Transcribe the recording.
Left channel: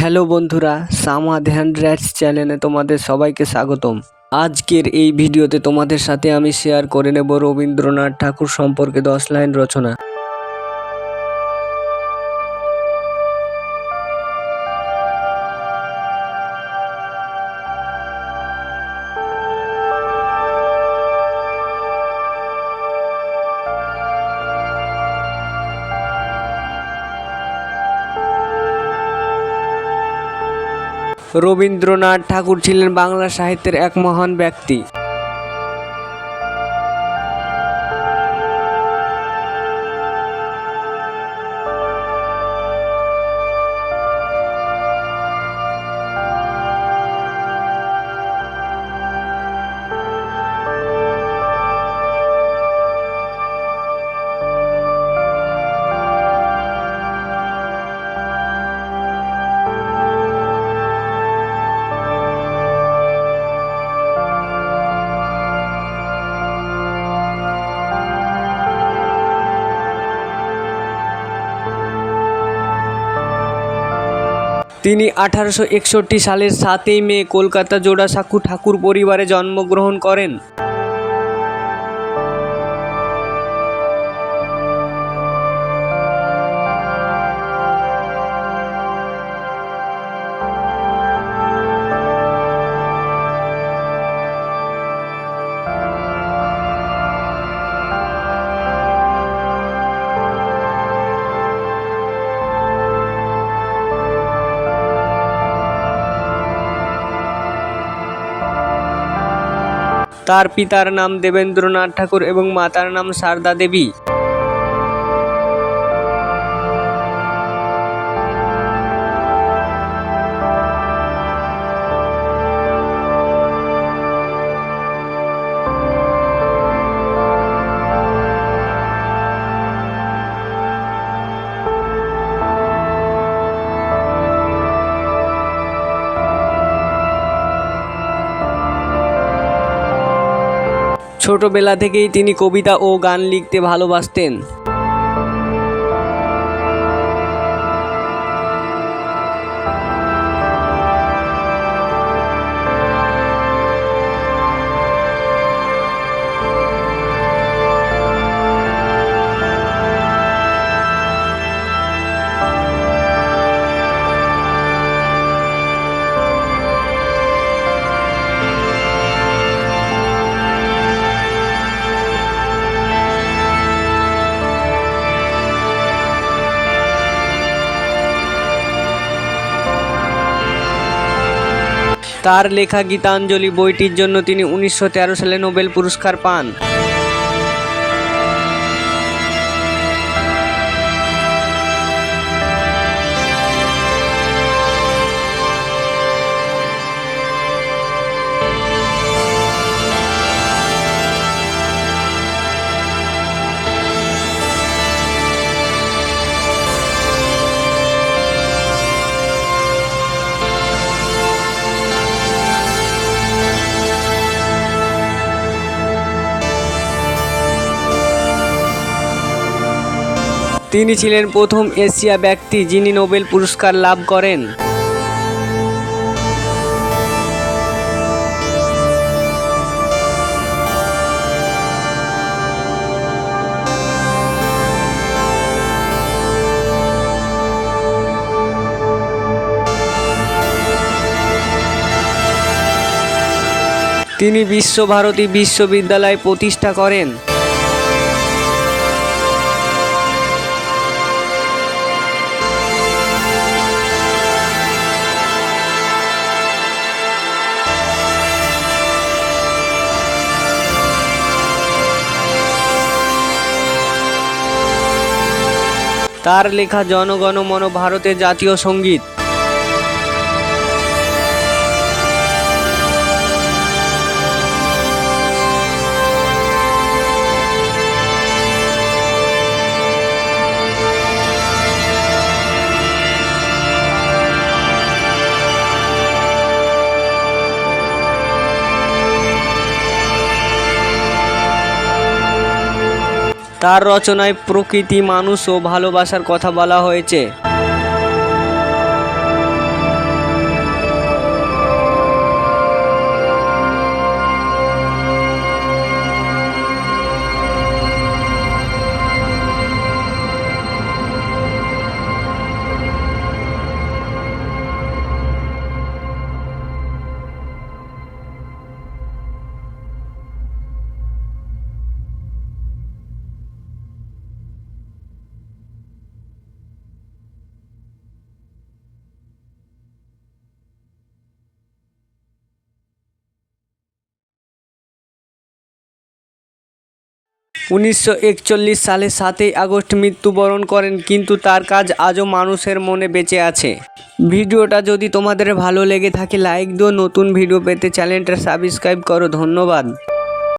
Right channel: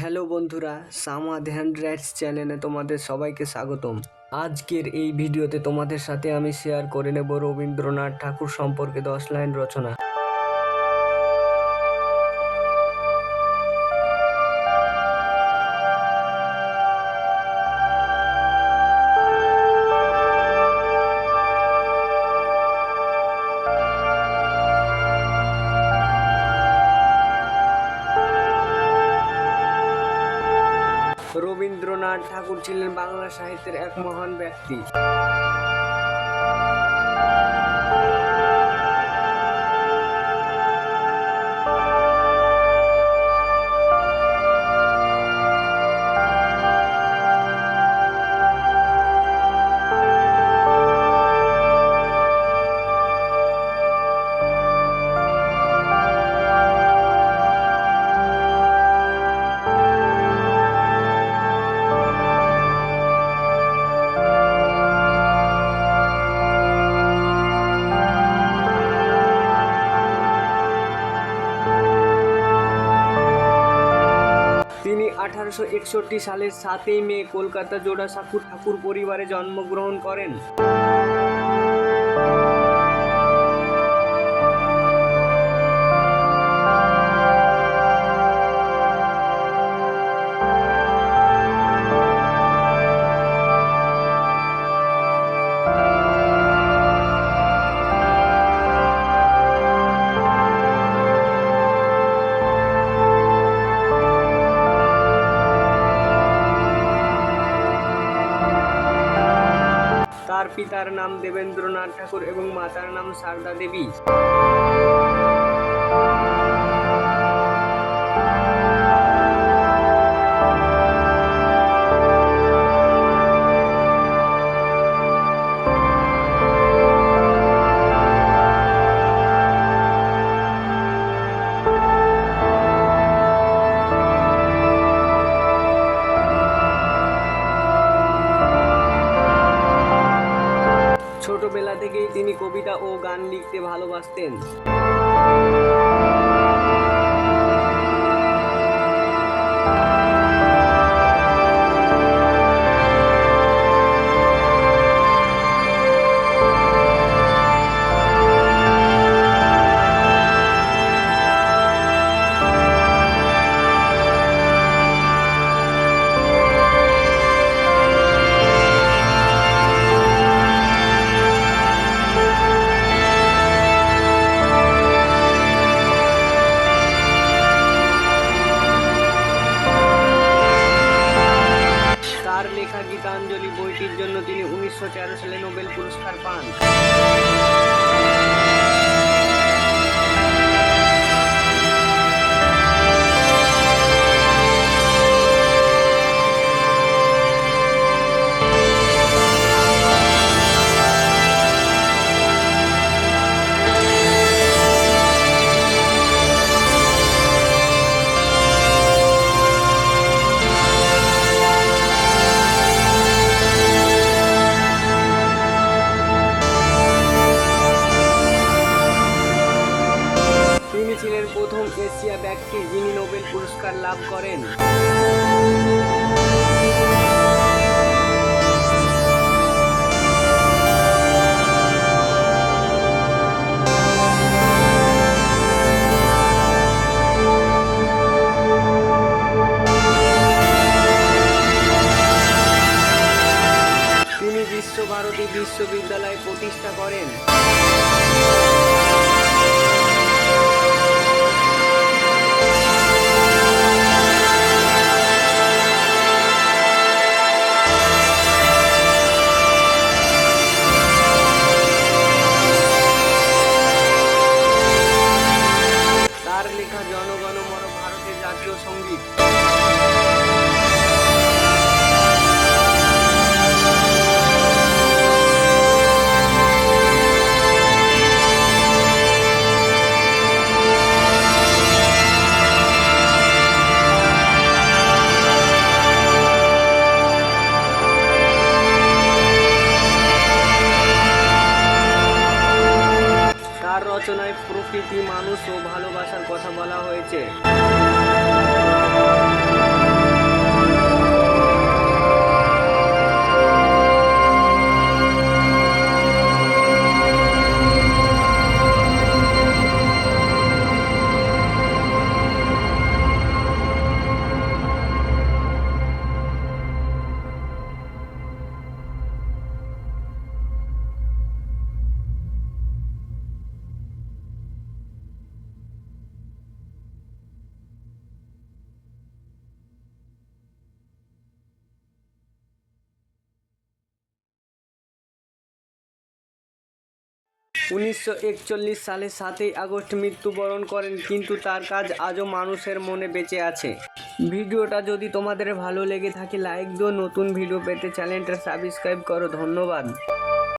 Hello বন্ধুরা, Samad hand rights চ্যানেলে তোমাদের সবাইকে স্বাগতম। আজকের এই ভিডিওতে তোমাদের সাথে আমি শেয়ার করে নেব রবীন্দ্রনাথ ঠাকুর সম্পর্কে 10 লাইন রচনা। রবীন্দ্রনাথ ঠাকুর ছিলেন বাংলা সাহিত্যের এক মহান ব্যক্তি। তিনি 1861 সালের 7ই মে কলকাতা জোড়াসাঁকো ঠাকুর পরিবারে জন্মগ্রহণ করেন। তার পিতার নাম দেবেন্দ্রনাথ ঠাকুর এবং মাতার নাম সারদা দেবী। ছোটবেলা থেকেই তিনি কবিতা ও গান লিখতে ভালোবাসতেন। তার লেখা গীতাঞ্জলি বইটির জন্য তিনি 1913 সালে নোবেল পুরস্কার পান। তিনি ছিলেন প্রথম এশীয় ব্যক্তি যিনি নোবেল পুরস্কার লাভ করেন। তিনি বিশ্বভারতী বিশ্ববিদ্যালয় প্রতিষ্ঠা করেন। তার লেখা জনগণ মন ভারতের জাতীয় সঙ্গীত। তার রচনায় প্রকৃতি, মানুষ ও ভালোবাসার কথা বলা হয়েছে। 1941 সালে 7ই আগস্ট মৃত্যুবরণ করেন, কিন্তু তার কাজ আজও মানুষের মনে বেঁচে আছে। ভিডিওটা যদি তোমাদের ভালো লেগে থাকে লাইক দিও, নতুন ভিডিও পেতে চ্যানেলটা সাবস্ক্রাইব করো। ধন্যবাদ।